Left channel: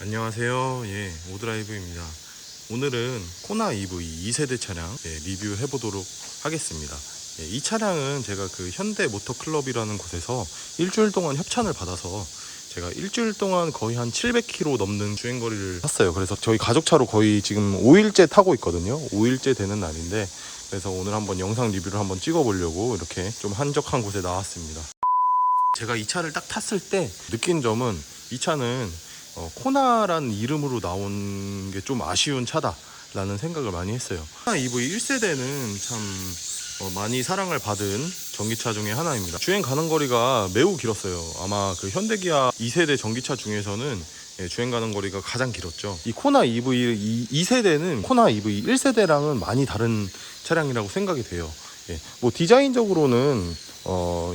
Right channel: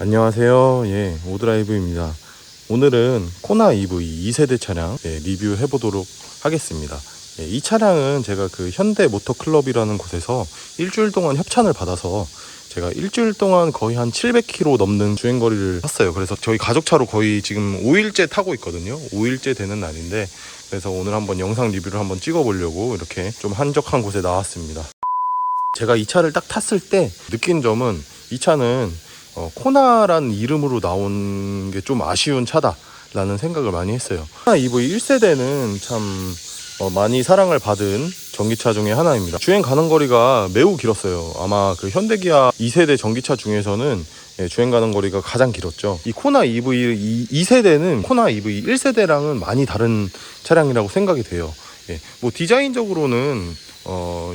안녕하세요. 오드라이브입니다. 오늘은 코나 EV 2세대 차량 리뷰해 보도록 하겠습니다. 이 차량은 제가 그 현대 모터클럽이라는 곳에서 일주일 동안 협찬을 받아서 제가 일주일 동안 거의 한 700km 넘는 주행거리를 탔어요. 그래서 저희 가족차로 거의 지금 5일째 타고 있거든요. 5일째 되는 날인데, 그래서 오늘 한번 영상 리뷰를 한번 찍어 보려고 이렇게 좀 한적한 곳에 나왔습니다. 제가 이 차를 딱 탔을 때 느낀 점은, 이 차는 코나라는 이름으로 나온 게 좀 아쉬운 차다라는 생각을 많이 했어요. 코나 EV 1세대는 참 많이 사랑을 받은 전기차 중에 하나입니다. 주행 가는 거리가 매우 길었어요. 아마 그 현대기아 2세대 전기차 중에서는 주행 가는 거리가 가장 길었죠. 이 코나 EV 2세대는 코나 EV 1세대랑은 많이 다른 차량이라고 생각이 돼요. 뭐 디자인적으로는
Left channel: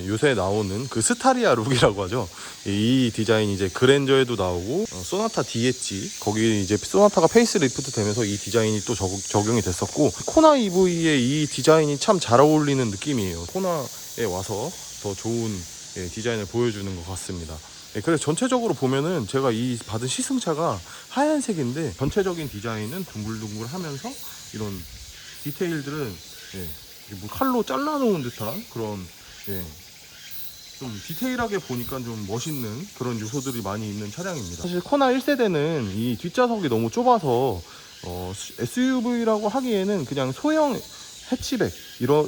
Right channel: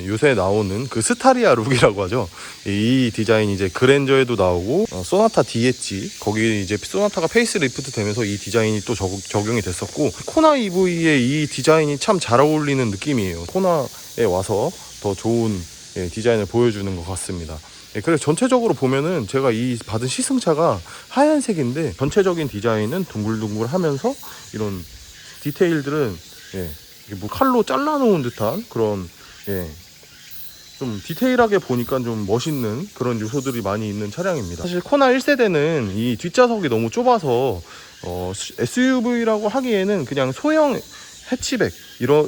요새 나오는 그 스타리아 룩이라고 하죠. 이 디자인이 이제 그랜저에도 나오고, 소나타 DH, 거기 이제 소나타가 페이스리프트 되면서 이 디자인이 또 적용이 됐었고, 코나 EV의 이 디자인이 참 잘 어울리는 느낌이에요. 코나에 와서 더 좋은 디자인을 보여주는 것 같습니다. 그래서 전체적으로 보면은 제가 이 받은 시승차가 하얀색인데, 전체적인 디자인은 둥글둥글 하면서 이런 디테일들은 뭐 칼로 잘라놓은 듯한 그런 좀 디테일하게 보니까 좀 멋있는 그런 요소들이 많이 있는 차량입니다. 사실 코나 1세대는 이 뒷좌석이 너무 좁아서 SUV라고 하기에는 그냥 소형 해치백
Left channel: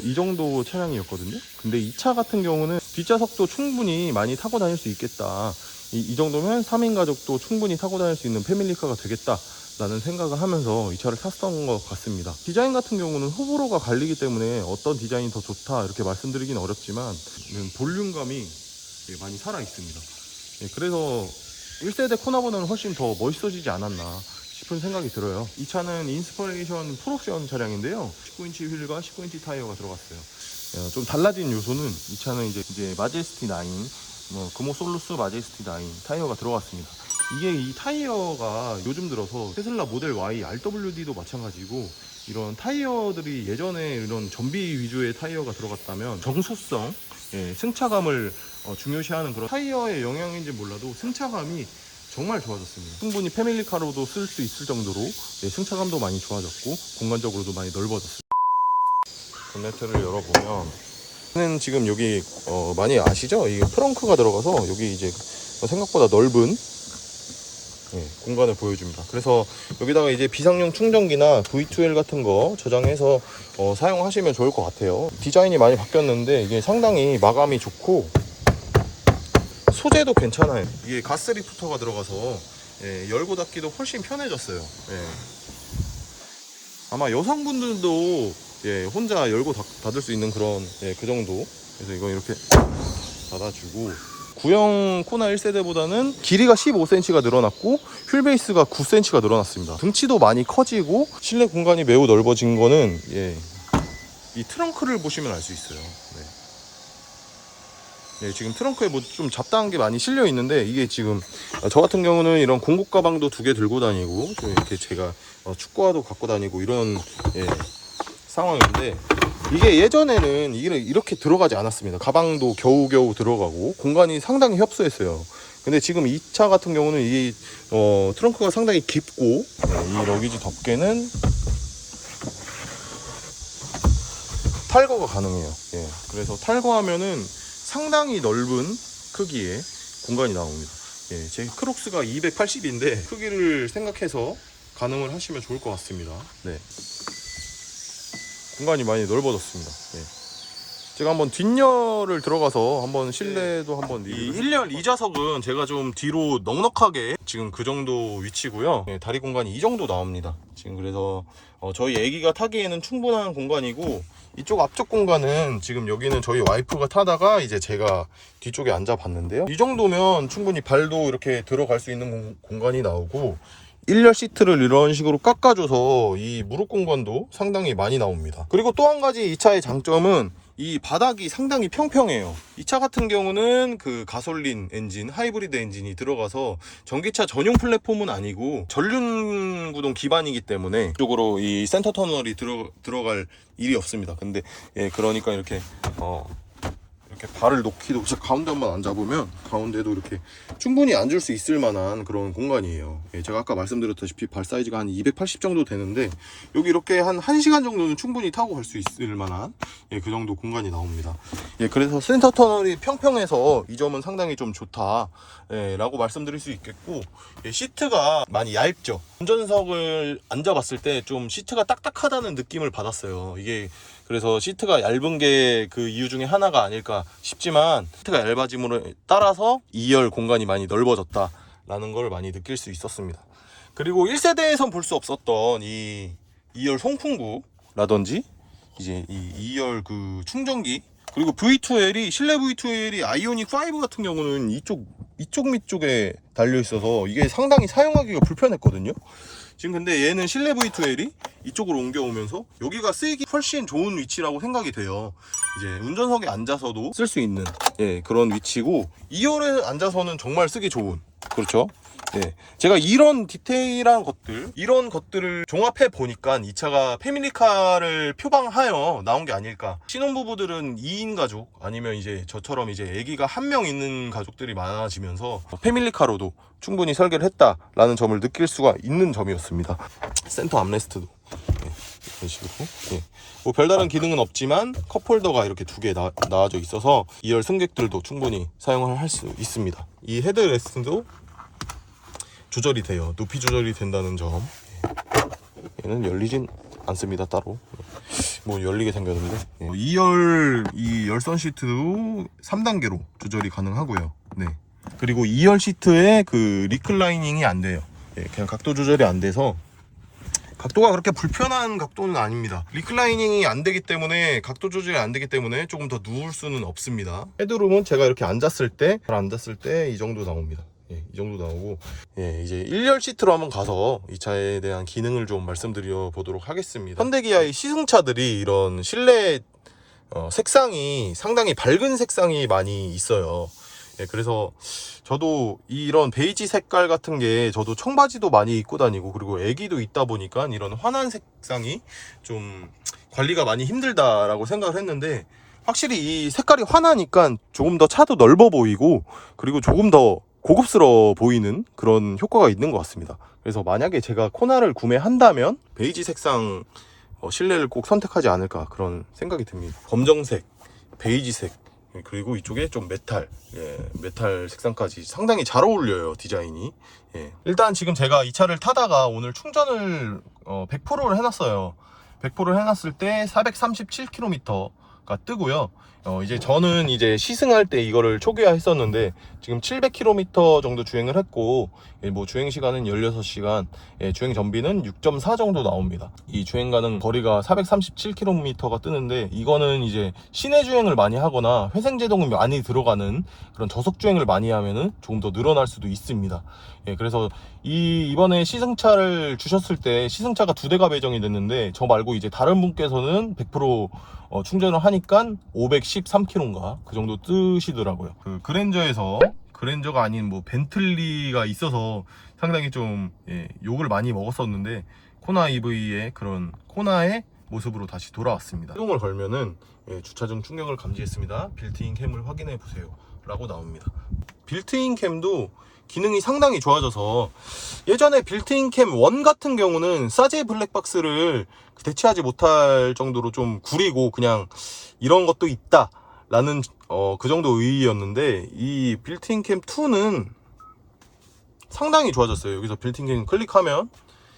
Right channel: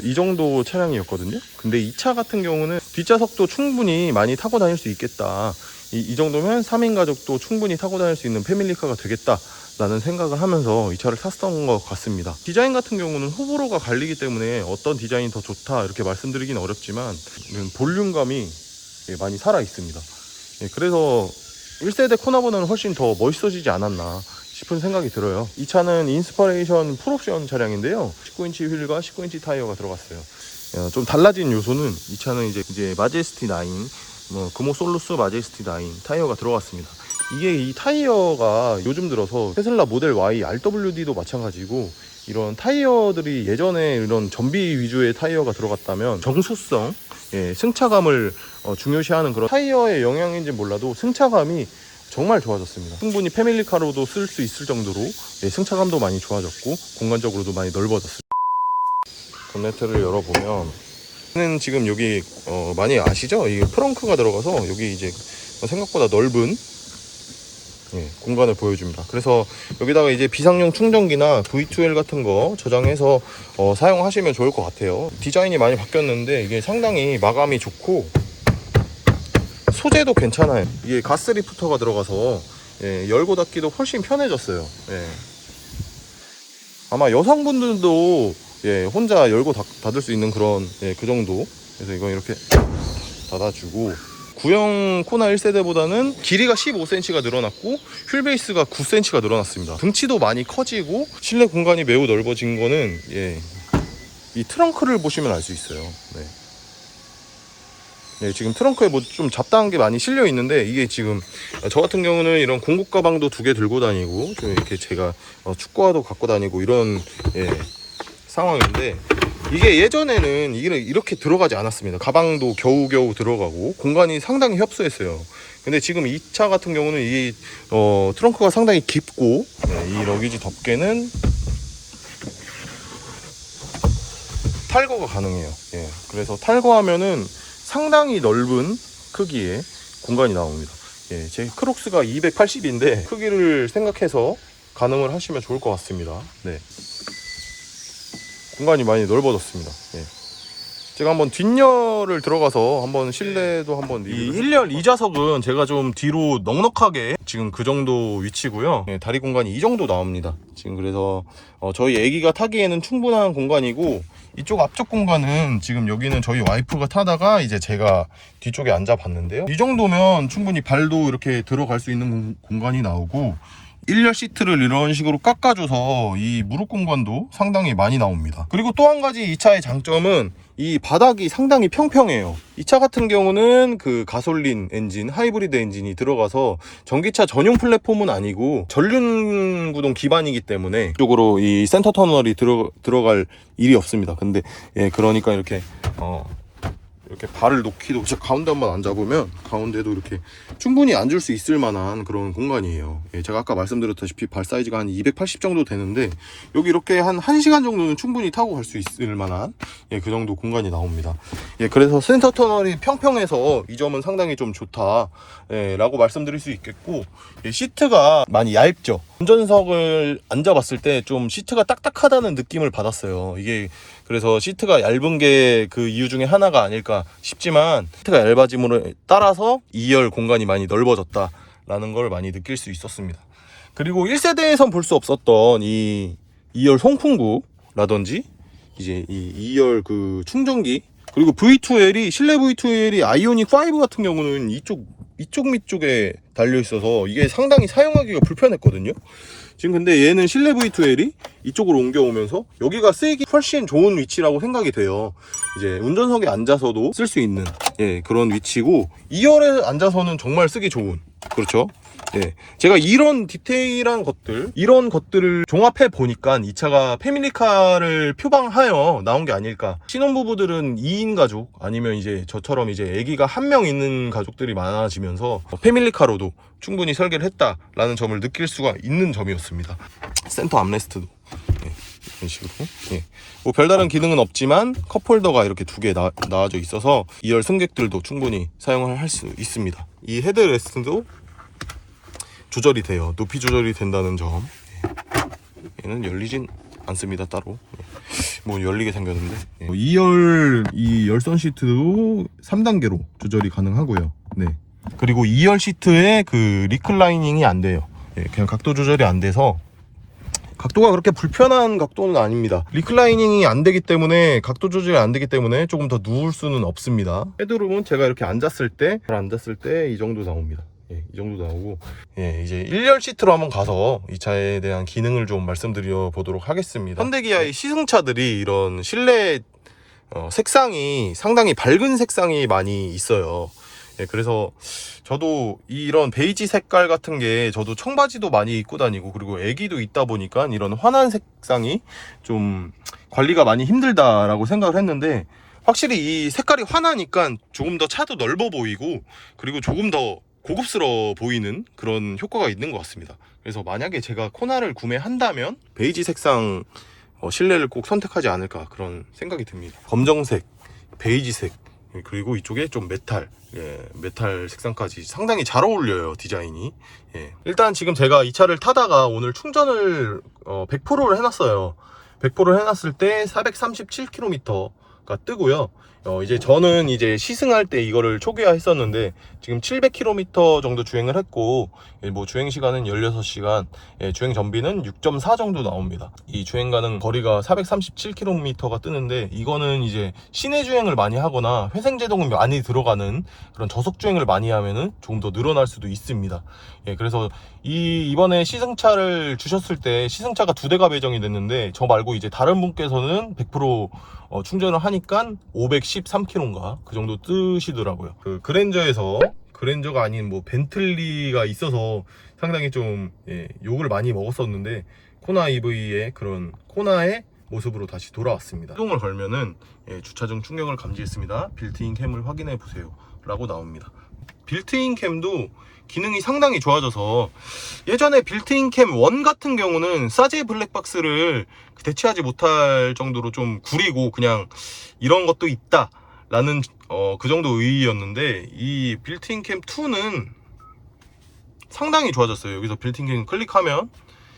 이 정도 차량이었거든요. 근데 이 차 같은 경우는 뒷좌석도 충분히 많이 타고 다닐 수 있겠다, 이 정도면 3인 가족도 충분히 타고 다닐 수 있는 패밀리카가 되겠다 라는 생각을 하면서 이 차를 샀던 것 같습니다. 디자인 같은 경우는 호불호가 갈리기 때문에 어떤 디자인이 더 좋다 이렇게 말씀드리긴 어렵지만, 볼륨감이 많이 살아 있습니다. 그래서 1세대 코나보다는 훨씬 더 멋있어지지 않았나 싶은 생각이 들어요. 이 차는 인스퍼레이션 풀옵션 차량인데요, 19인치 휠과 19인치 타이어가 들어갔어요. 좀 달라진 요소는, 이 차는 이제 마제스티 9, 금호솔루스 마제스티 9 타이어가 들어갔습니다. 이게 이 타이어가 요즘 들어서 테슬라 모델 Y, RWD도 마찬가지고, 이런 타이어들이 예전에 이런 전비 위주의 타이어가 들어갔다면 정수성, 승차감을 중요시하는 그런 타이어의 영향인지 몰라도 승차감이 정말 좋아졌습니다. 충분히 패밀리카로도 쓸 수 있을 정도로 승차감도 많이 좋아졌고, 공간적으로도 많이 넓어졌습니다. 본네트를 열어보면 지금 여기 많이 아시죠? 이 트렁크가 들어가서 여기 이제 생각보다 넓은 공간을 보여줍니다. 그래서 여기다가 이제 비상용 충전기나 V2L 같은 거 저장해서 사용하시면 좋을 것 같아요. 디자인이 많이 바뀌었는데 이게 상당히 마감이 좋고 소재도 괜찮아요. 이게 가스 리프터가 들어가서 열고 닫기도 훨씬 편해졌어요. 아마 여성분들도 혼자 열고 닫을 수 있는 그런 그 정도. 그래서 이건 이렇게 닫아주고, 구형 코나 1세대보다는 길이가 15cm가 늘어났고 휠베이스가 9cm가 늘어났습니다. 등치도 많이 커지고 실내 공간이 매우 넓어진 거는 이 트렁크를 보시면 알 수 있어요. 지금 트렁크에 뭐 좀 잡다한 게 많이 실려 있는데, 이게 지금 저 같은 경우는 이런 공구 가방도 2개 들고 다니고, 좀 이렇게 제가 축구화도 갖고 다니고 이런 상황인데, 이게 예전에는 이렇게 들어가지 않았습니다. 가방도 겨우겨우 들어가고 공간이 상당히 협소했어요. 근데 지금 이 차 같은 경우는 이 트렁크가 상당히 깊고, 이 러기지 덮개는 탈거가 가능해요. 그래서 탈거하면은 상당히 넓은 크기의 공간이 나옵니다. 제 크록스가 280인데 크기를 생각해서 가능을 하시면 좋을 것 같습니다. 공간이 많이 넓어졌습니다. 제가 한번 뒷열을 들어가서 한번 실내도 한번 이 1열 2좌석은 제가 좀 뒤로 넉넉하게 지금 그 정도 위치고요. 다리 공간이 이 정도 나옵니다. 지금 그래서 저희 애기가 타기에는 충분한 공간이고, 이쪽 앞쪽 공간은 지금 여기는 저희 와이프가 타다가 이제 제가 뒤쪽에 앉아 봤는데요, 이 정도면 충분히 발도 이렇게 들어갈 수 있는 공간이 나오고, 1열 시트를 이런 식으로 깎아줘서 이 무릎 공간도 상당히 많이 나옵니다. 그리고 또 한 가지 이 차의 장점은 이 바닥이 상당히 평평해요. 이 차 같은 경우는 그 가솔린 엔진, 하이브리드 엔진이 들어가서 전기차 전용 플랫폼은 아니고 전륜 구동 기반이기 때문에 이쪽으로 이 센터 터널이 들어갈 일이 없습니다. 근데 그러니까 이렇게 이렇게 발을 놓기도, 진짜 가운데 한번 앉아보면 가운데도 이렇게 충분히 앉을 수 있을 만한 그런 공간이에요. 예, 제가 아까 말씀드렸다시피 발 사이즈가 한 280 정도 되는데 여기 이렇게 한 1시간 정도는 충분히 타고 갈 수 있을 만한 예, 그 정도 공간이 나옵니다. 예, 그래서 센터 터널이 평평해서 이 점은 상당히 좀 좋다 예, 라고 말씀드릴 수 있겠고, 예, 시트가 많이 얇죠. 운전석을 앉아봤을 때 좀 시트가 딱딱하다는 느낌을 받았어요. 이게 그래서 시트가 얇은 게 그 이유 중에 하나가 아닐까 싶지만, 시트가 얇아짐으로 따라서 2열 공간이 많이 넓어졌다라는 걸 많이 느낄 수 있었습니다. 그리고 1세대에선 볼 수 없었던 이 2열 송풍구라든지 이제 이 2열 그 충전기, 그리고 V2L이, 실내 V2L이 아이오닉 5 같은 경우는 이쪽 밑쪽에 달려 있어서 이게 상당히 사용하기가 불편했거든요. 지금 근데 얘는 실내 V2L이 이쪽으로 옮겨오면서 여기가 쓰이기 훨씬 좋은 위치라고 생각이 돼요. 이제 운전석에 앉아서도 쓸 수 있는 예, 그런 위치고, 2열에 앉아서는 정말 쓰기 좋은, 그렇죠. 예, 제가 이런 디테일한 것들, 이런 것들을 종합해 보니까 이 차가 패밀리카를 표방하여 나온 게 아닐까. 신혼부부들은 2인 가족, 아니면 이제 저처럼 이제 아기가 1명 있는 가족들이 많아지면서 패밀리카로도 충분히 설계를 했다라는 점을 느낄 수가 있는 점이었습니다. 센터 암레스트도 예, 이런 식으로 예. 뭐 별다른 기능은 없지만 컵홀더가 이렇게 2개 나와져 있어서 2열 승객들도 충분히 사용을 할 수 있습니다. 이 헤드레스트도 조절이 돼요. 높이 조절이 된다는 점. 얘는 열리진 않습니다, 따로. 뭐 열리게 생겼는데. 2열 이 열선 시트도 3단계로 조절이 가능하고요. 네. 그리고 2열 시트에 그 리클라이닝이 안 돼요. 그냥 각도 조절이 안 돼서, 각도가 그렇게 불편한 각도는 아닙니다. 리클라이닝이 안 되기 때문에, 각도 조절이 안 되기 때문에 조금 더 누울 수는 없습니다. 헤드룸은 제가 이렇게 앉았을 때 이 정도 나옵니다. 예, 이 정도 나오고, 예, 이제 1열 시트로 한번 가서 이 차에 대한 기능을 좀 말씀드려 보도록 하겠습니다. 현대기아의 시승차들이 이런 실내 색상이 상당히 밝은 색상이 많이 있어요. 예, 그래서 저도 이런 베이지 색깔 같은 게, 저도 청바지도 많이 입고 다니고, 그리고 애기도 있다 보니까 이런 환한 색상이 좀 관리가 많이 힘들다라고 생각을 했는데, 확실히 이 색깔이 환하니까 조금 더 차도 넓어 보이고, 그리고 조금 더 고급스러워 보이는 그런 효과가 있는 것 같습니다. 그래서 만약에 제가 코나를 구매한다면 베이지 색상 실내를 꼭 선택하지 않을까, 그런 생각이 듭니다. 검정색, 베이지색, 그리고 이쪽에 좀 메탈, 예, 메탈 색상까지 상당히 잘 어울려요, 디자인이. 예. 일단 지금 제가 이 차를 타다가 오늘 충전을 100%를 해놨어요. 100%를 해놨을 때 437km가 뜨고요. 이제 저는 이제 시승할 때 이거를 초기화 했었는데 지금 700km 정도 주행을 했고, 뭐 주행 시간은 16시간, 주행 전비는 6.4 정도 나옵니다. 이 주행 가는 거리가 437km가 뜨는데, 이거는 이제 시내 주행을 많이 하거나 회생 제동이 많이 들어가는 그런 저속 주행을 많이 하면은 조금 더 늘어날 수도 있습니다. 그래서 이번에 시승차를 주셨을 때 시승차가 2대가 배정이 됐는데, 저 말고 이제 다른 분께서는 100% 충전을 하니까 513km인가 그 정도 뜨시더라고요. 그 그랜저가 아닌 뭐 벤틀리가 있어서 상당히 좀 욕을 많이 먹었었는데, 코나 EV의 그런 코나의 모습으로 다시 돌아왔습니다. 시동을 걸면은 주차중 충격을 감지했습니다. 빌트인 캠을 확인해 보세요 라고 나옵니다. 빌트인 캠도 기능이 상당히 좋아져서, 예전에 빌트인 캠 1 같은 경우는 사제 블랙박스를 대체하지 못할 정도로 좀 구리고 그냥 이런 것도 있다 라는 그 정도 의의였는데, 이 빌트인 캠 2는 상당히 좋아졌어요. 여기서 빌트인 캠 클릭하면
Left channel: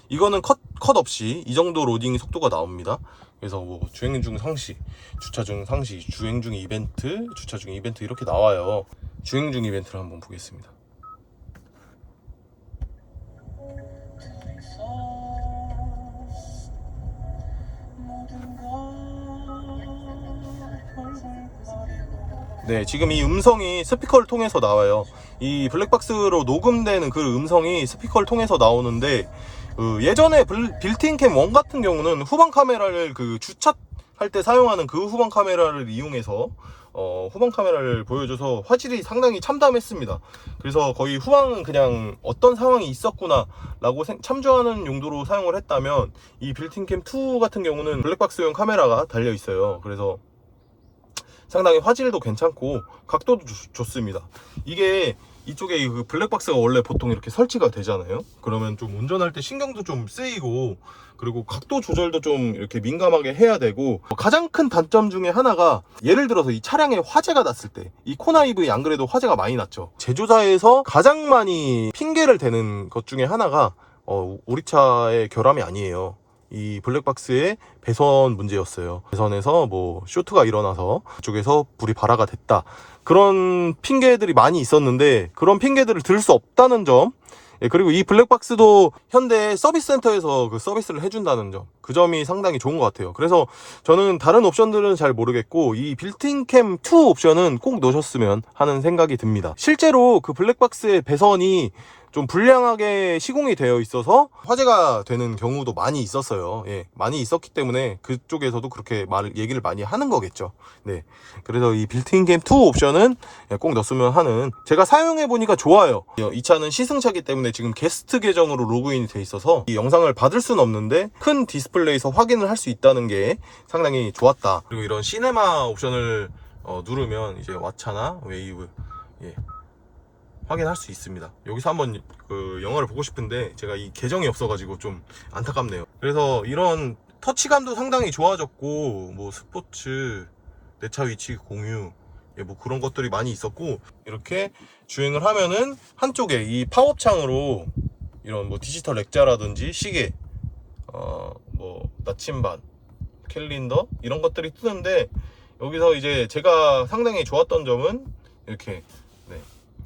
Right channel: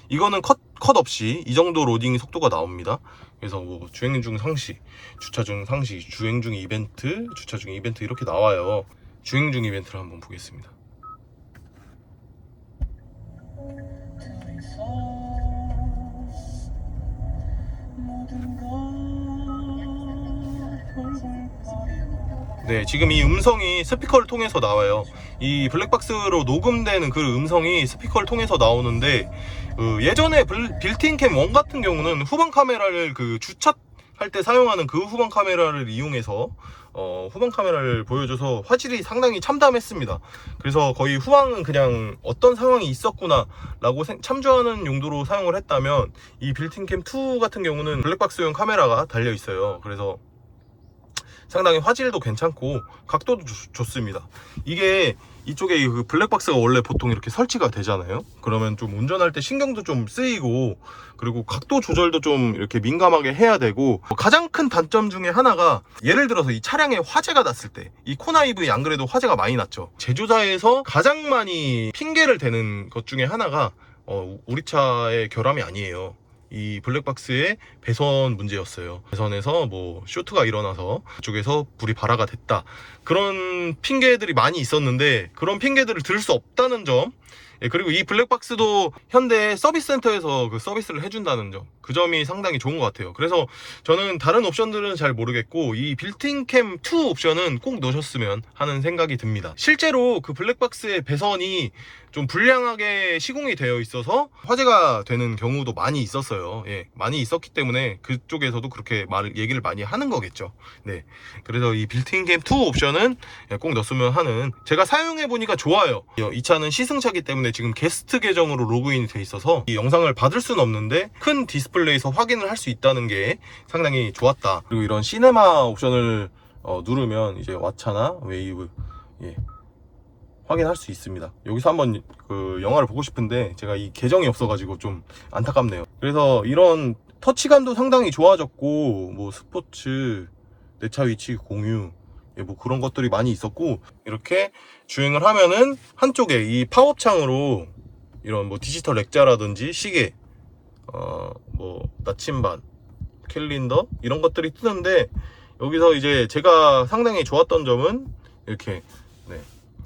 이거는 컷 없이 이 정도 로딩 속도가 나옵니다. 그래서 뭐 주행 중 상시, 주차 중 상시, 주행 중 이벤트, 주차 중 이벤트 이렇게 나와요. 주행 중 이벤트를 한번 보겠습니다. 네, 지금 이 음성이 스피커를 통해서 나와요. 이 블랙박스로 녹음되는 그 음성이 스피커를 통해서 나오는데, 예전에 빌트인 캠 1 같은 경우는 후방 카메라를 주차할 때 사용하는 그 후방 카메라를 이용해서 후방 카메라를 보여줘서 화질이 상당히 참담했습니다. 그래서 거의 후방은 그냥 어떤 상황이 있었구나 라고 참조하는 용도로 사용을 했다면, 이 빌트인 캠 2 같은 경우는 블랙박스용 카메라가 달려 있어요. 그래서 상당히 화질도 괜찮고 각도도 좋습니다. 이게 이쪽에 그 블랙박스가 원래 보통 이렇게 설치가 되잖아요. 그러면 좀 운전할 때 신경도 좀 쓰이고, 그리고 각도 조절도 좀 이렇게 민감하게 해야 되고, 가장 큰 단점 중에 하나가, 예를 들어서 이 차량에 화재가 났을 때, 이 코나 EV 안 그래도 화재가 많이 났죠. 제조사에서 가장 많이 핑계를 대는 것 중에 하나가 우리 차의 결함이 아니에요. 이 블랙박스의 배선 문제였어요. 배선에서 뭐 쇼트가 일어나서 그쪽에서 불이 발화가 됐다, 그런 핑계들이 많이 있었는데, 그런 핑계들을 들 수 없다는 점, 그리고 이 블랙박스도 현대 서비스 센터에서 그 서비스를 해준다는 점, 그 점이 상당히 좋은 것 같아요. 그래서 저는 다른 옵션들은 잘 모르겠고, 이 빌트인 캠 2 옵션은 꼭 넣으셨으면 하는 생각이 듭니다. 실제로 그 블랙박스의 배선이 좀 불량하게 시공이 되어 있어서 화재가 되는 경우도 많이 있었어요. 많이 있었기 때문에 그쪽에서도 그렇게 얘기를 많이 하는 거겠죠. 그래서 이 빌트인 캠 2 옵션은 꼭 넣었으면 하는, 제가 사용해 보니까 좋아요. 이 차는 시승차기 때문에 지금 게스트 계정으로 로그인이 돼 있어서 이 영상을 받을 수는 없는데 큰 디스플레이에서 확인을 할 수 있다는 게 상당히 좋았다. 그리고 이런 시네마 옵션을 누르면 이제 왓챠나 웨이브 확인할 수 있습니다. 여기서 한번 그 영화를 보고 싶은데 제가 이 계정이 없어가지고 좀 안타깝네요. 그래서 이런 터치감도 상당히 좋아졌고, 뭐 스포츠, 내 차 위치 공유, 뭐 그런 것들이 많이 있었고, 이렇게 주행을 하면은 한쪽에 이 팝업 창으로 이런 뭐 디지털 액자라든지 시계, 뭐 나침반, 캘린더, 이런 것들이 뜨는데, 여기서 이제 제가 상당히 좋았던 점은 이렇게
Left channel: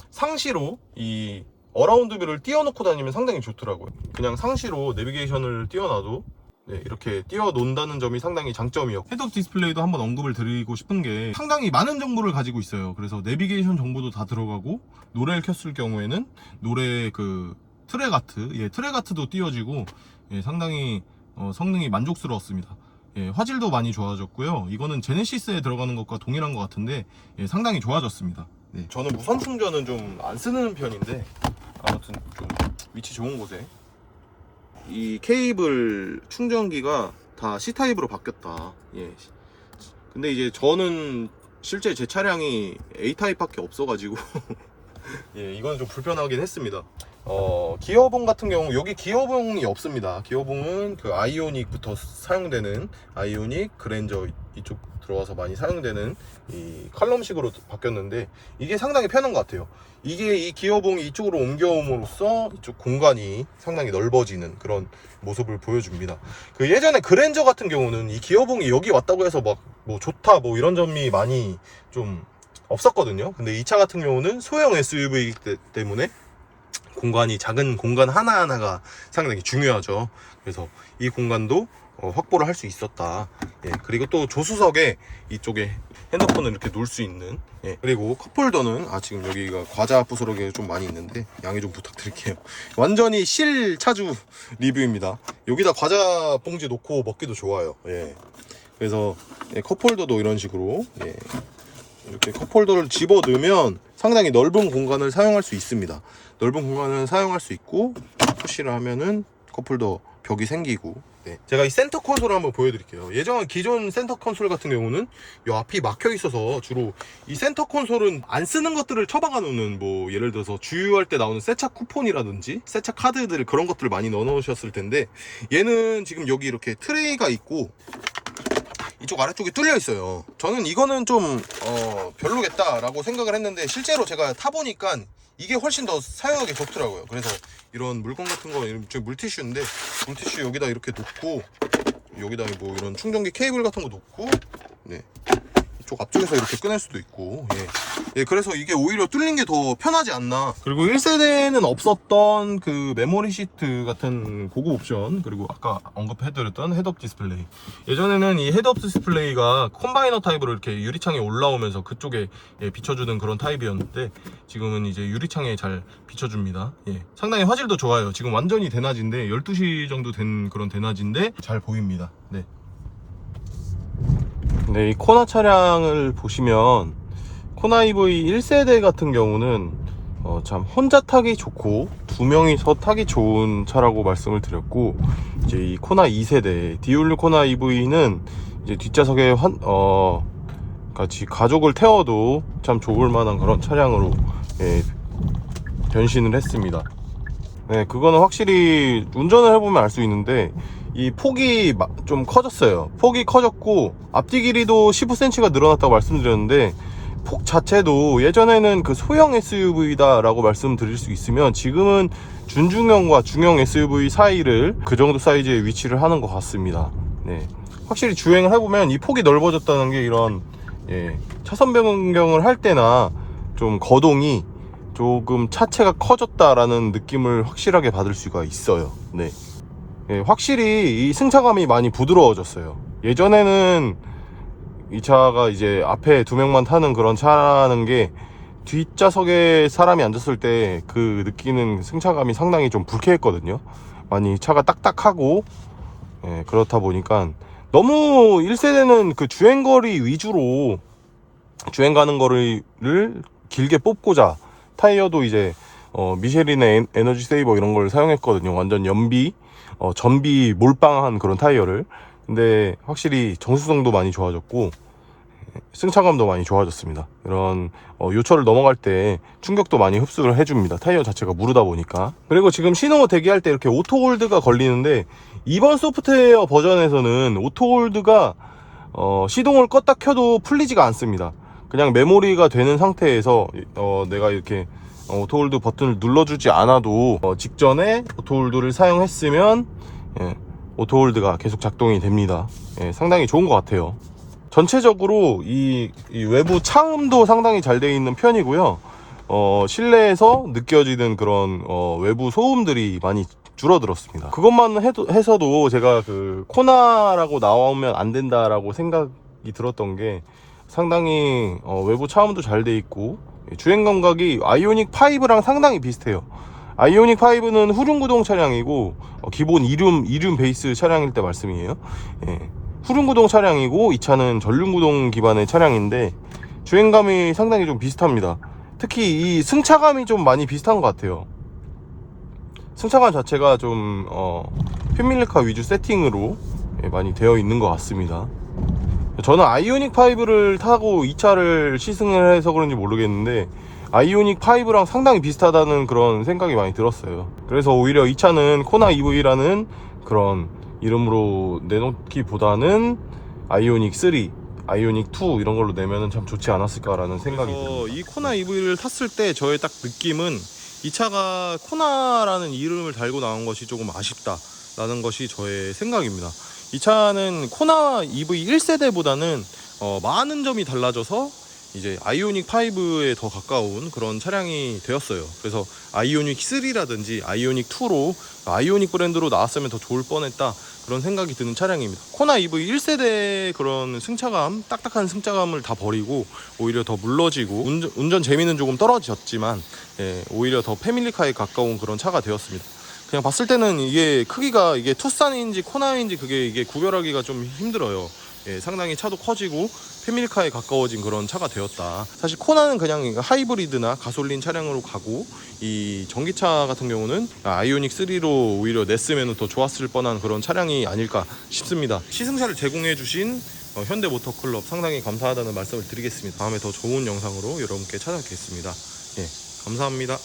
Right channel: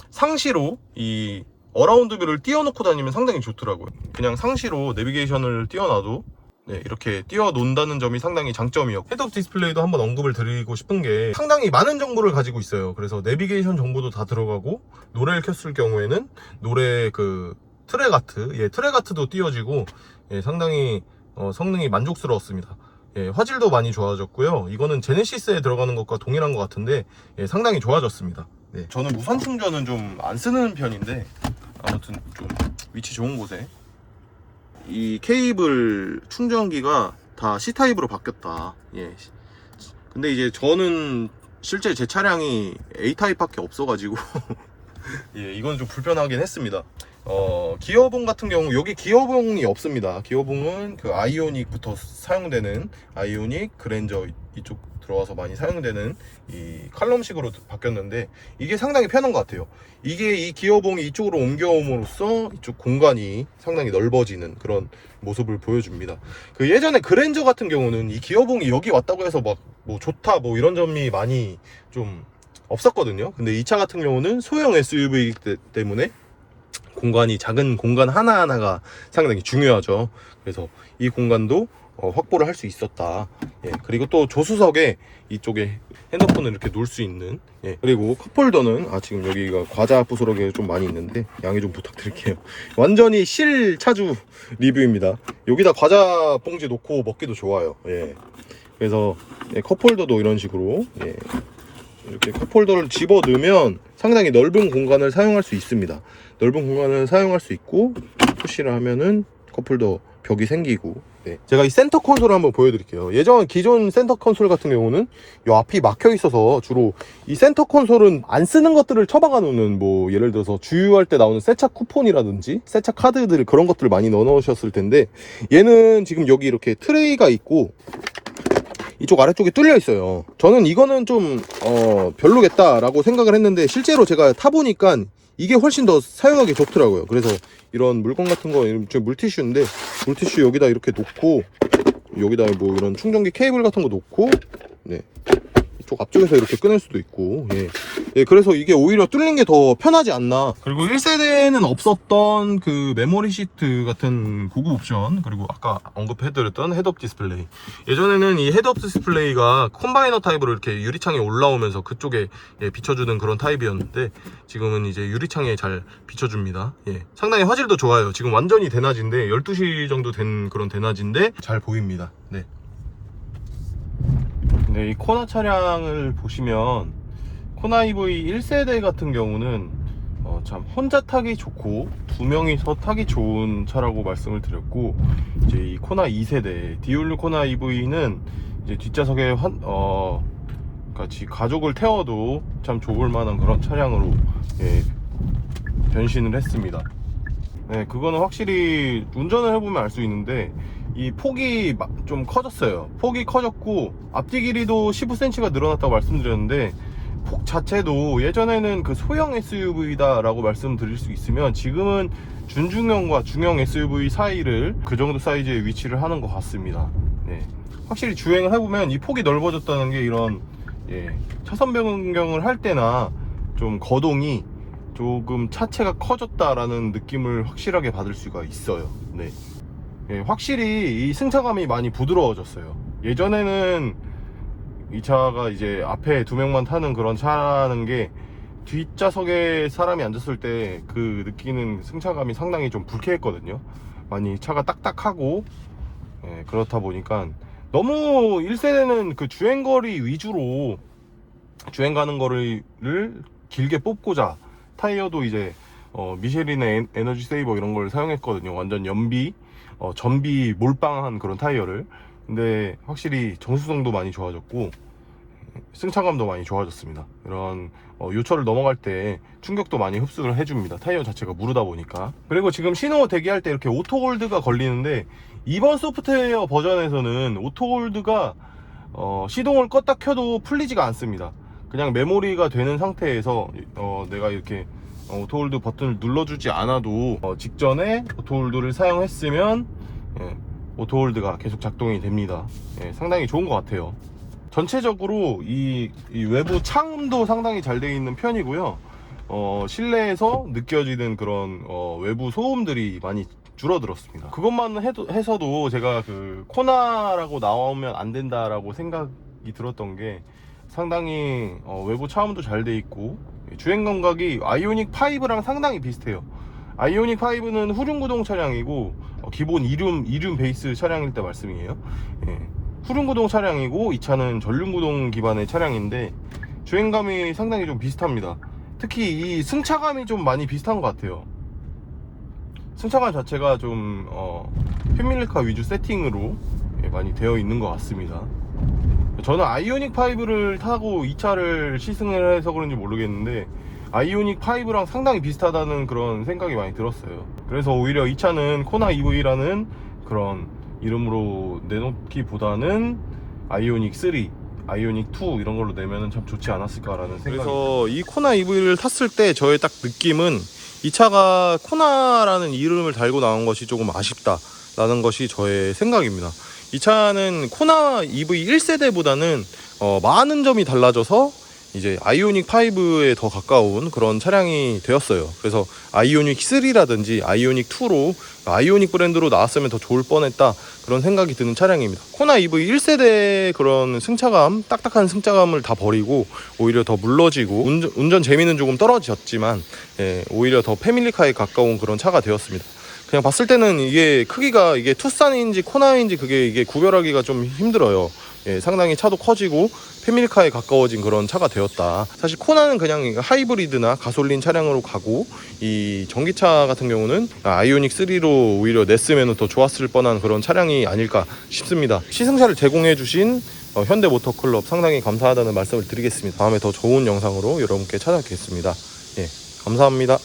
상시로 이 어라운드 뷰를 띄워놓고 다니면 상당히 좋더라고요. 그냥 상시로 내비게이션을 띄워놔도 이렇게 띄워놓는다는 점이 상당히 장점이었고, 헤드업 디스플레이도 한번 언급을 드리고 싶은 게, 상당히 많은 정보를 가지고 있어요. 그래서 내비게이션 정보도 다 들어가고, 노래를 켰을 경우에는 노래 그 트랙아트도 띄워지고, 상당히 성능이 만족스러웠습니다. 화질도 많이 좋아졌고요. 이거는 제네시스에 들어가는 것과 동일한 것 같은데 상당히 좋아졌습니다. 저는 무선 충전은 좀 안 쓰는 편인데, 아무튼 좀 위치 좋은 곳에 이 케이블 충전기가 다 C타입으로 바뀌었다. 근데 이제 저는 실제 제 차량이 A타입밖에 없어가지고 이건 좀 불편하긴 했습니다. 기어봉 같은 경우, 여기 기어봉이 없습니다. 기어봉은 그 아이오닉부터 사용되는, 아이오닉, 그랜저 이쪽 들어와서 많이 사용되는 이 칼럼식으로 바뀌었는데, 이게 상당히 편한 것 같아요. 이게 이 기어봉이 이쪽으로 옮겨옴으로써 이쪽 공간이 상당히 넓어지는 그런 모습을 보여줍니다. 그 예전에 그랜저 같은 경우는 이 기어봉이 여기 왔다고 해서 막 뭐 좋다 뭐 이런 점이 많이 좀 없었거든요. 근데 이 차 같은 경우는 소형 SUV이기 때문에 공간이, 작은 공간 하나하나가 상당히 중요하죠. 그래서 이 공간도 확보를 할 수 있었다. 그리고 또 조수석에 이쪽에 핸드폰을 이렇게 놓을 수 있는, 그리고 컵홀더는 지금 여기가 과자 부스러기가 좀 많이 있는데 양해 좀 부탁드릴게요. 완전히 실 차주 리뷰입니다. 여기다 과자 봉지 놓고 먹기도 좋아요. 그래서 컵홀더도 이런 식으로 이렇게 컵홀더를 집어 넣으면 상당히 넓은 공간을 사용할 수 있습니다. 넓은 공간을 사용할 수 있고, 푸시를 하면은 컵홀더 벽이 생기고. 제가 이 센터 콘솔을 한번 보여드릴게요. 기존 센터 콘솔 같은 경우는 이 앞이 막혀 있어서 주로 이 센터 콘솔은 안 쓰는 것들을 처박아 놓는, 뭐 예를 들어서 주유할 때 나오는 세차 쿠폰이라든지 세차 카드들, 그런 것들을 많이 넣어 놓으셨을 텐데, 얘는 지금 여기 이렇게 트레이가 있고 이쪽 아래쪽에 뚫려 있어요. 저는 이거는 좀 별로겠다라고 생각을 했는데, 실제로 제가 타보니까 이게 훨씬 더 사용하기 좋더라고요. 그래서 이런 물건 같은 거, 물티슈인데 물티슈 여기다 이렇게 놓고, 여기다 뭐 이런 충전기 케이블 같은 거 놓고, 이쪽 앞쪽에서 이렇게 꺼낼 수도 있고, 그래서 이게 오히려 뚫린 게 더 편하지 않나. 그리고 1세대는 없었던 그 메모리 시트 같은 고급 옵션, 그리고 아까 언급해드렸던 헤드업 디스플레이. 예전에는 이 헤드업 디스플레이가 콤바이너 타입으로 이렇게 유리창에 올라오면서 그쪽에 비춰주는 그런 타입이었는데, 지금은 이제 유리창에 잘 비춰줍니다. 상당히 화질도 좋아요. 지금 완전히 대낮인데, 12시 정도 된 그런 대낮인데 잘 보입니다. 이 코나 차량을 보시면, 코나 EV 1세대 같은 경우는 참 혼자 타기 좋고 두 명이서 타기 좋은 차라고 말씀을 드렸고, 이제 이 코나 2세대 디올류 코나 EV는 이제 뒷좌석에 그러니까 같이 가족을 태워도 참 좋을 만한 그런 차량으로 변신을 했습니다. 네, 그거는 확실히 운전을 해보면 알 수 있는데 이 폭이 좀 커졌어요. 폭이 커졌고 앞뒤 길이도 15cm가 늘어났다고 말씀드렸는데 폭 자체도 예전에는 그 소형 SUV다 라고 말씀드릴 수 있으면 지금은 준중형과 중형 SUV 사이를 그 정도 사이즈에 위치를 하는 것 같습니다. 네, 확실히 주행을 해보면 이 폭이 넓어졌다는 게 이런 차선 변경을 할 때나 좀 거동이 조금 차체가 커졌다라는 느낌을 확실하게 받을 수가 있어요. 네. 확실히 이 승차감이 많이 부드러워졌어요. 예전에는 이 차가 이제 앞에 두 명만 타는 그런 차라는 게 뒷좌석에 사람이 앉았을 때 그 느끼는 승차감이 상당히 좀 불쾌했거든요. 많이 차가 딱딱하고 그렇다 보니까 너무 1세대는 그 주행거리 위주로 주행 가는 거리를 길게 뽑고자 타이어도 이제 미쉐린의 에너지 세이버 이런 걸 사용했거든요. 완전 연비 전비 몰빵한 그런 타이어를. 근데 확실히 정수성도 많이 좋아졌고 승차감도 많이 좋아졌습니다. 이런 요철을 넘어갈 때 충격도 많이 흡수를 해줍니다. 타이어 자체가 무르다 보니까. 그리고 지금 신호 대기할 때 이렇게 오토홀드가 걸리는데 이번 소프트웨어 버전에서는 오토홀드가 시동을 껐다 켜도 풀리지가 않습니다. 그냥 메모리가 되는 상태에서 내가 이렇게 오토홀드 버튼을 눌러주지 않아도 직전에 오토홀드를 사용했으면 오토홀드가 계속 작동이 됩니다. 상당히 좋은 것 같아요. 전체적으로 이 외부 차음도 상당히 잘 되어 있는 편이고요. 실내에서 느껴지는 그런 외부 소음들이 많이 줄어들었습니다. 그것만 해서도 제가 그 코나라고 나오면 안 된다라고 생각이 들었던 게 상당히 외부 차음도 잘 돼 있고 주행 감각이 아이오닉 5랑 상당히 비슷해요. 아이오닉 5는 후륜구동 차량이고 기본 이륜 베이스 차량일 때 말씀이에요. 후륜구동 차량이고 이 차는 전륜구동 기반의 차량인데 주행감이 상당히 좀 비슷합니다. 특히 이 승차감이 좀 많이 비슷한 것 같아요. 승차감 자체가 좀 패밀리카 위주 세팅으로 많이 되어 있는 것 같습니다. 저는 아이오닉 5를 타고 이 차를 시승을 해서 그런지 모르겠는데 아이오닉 5랑 상당히 비슷하다는 그런 생각이 많이 들었어요. 그래서 오히려 이 차는 코나 EV라는 그런 이름으로 내놓기보다는 아이오닉 3, 아이오닉 2 이런 걸로 내면은 참 좋지 않았을까라는 생각이. 그래서 이 코나 EV를 탔을 때 저의 딱 느낌은 이 차가 코나라는 이름을 달고 나온 것이 조금 아쉽다라는 것이 저의 생각입니다. 이 차는 코나 EV 1세대보다는 많은 점이 달라져서 이제 아이오닉 5에 더 가까운 그런 차량이 되었어요. 그래서 아이오닉 3라든지 아이오닉 2로 아이오닉 브랜드로 나왔으면 더 좋을 뻔했다, 그런 생각이 드는 차량입니다. 코나 EV 1세대의 그런 승차감, 딱딱한 승차감을 다 버리고 오히려 더 물러지고 운전 재미는 조금 떨어졌지만 오히려 더 패밀리카에 가까운 그런 차가 되었습니다. 그냥 봤을 때는 이게 크기가 이게 투싼인지 코나인지 이게 구별하기가 좀 힘들어요. 상당히 차도 커지고 패밀리카에 가까워진 그런 차가 되었다. 사실 코나는 그냥 하이브리드나 가솔린 차량으로 가고 이 전기차 같은 경우는 아이오닉 3로 오히려 냈으면 더 좋았을 뻔한 그런 차량이 아닐까 싶습니다. 시승차를 제공해 주신 현대모터클럽 상당히 감사하다는 말씀을 드리겠습니다. 다음에 더 좋은 영상으로 여러분께 찾아뵙겠습니다. 감사합니다.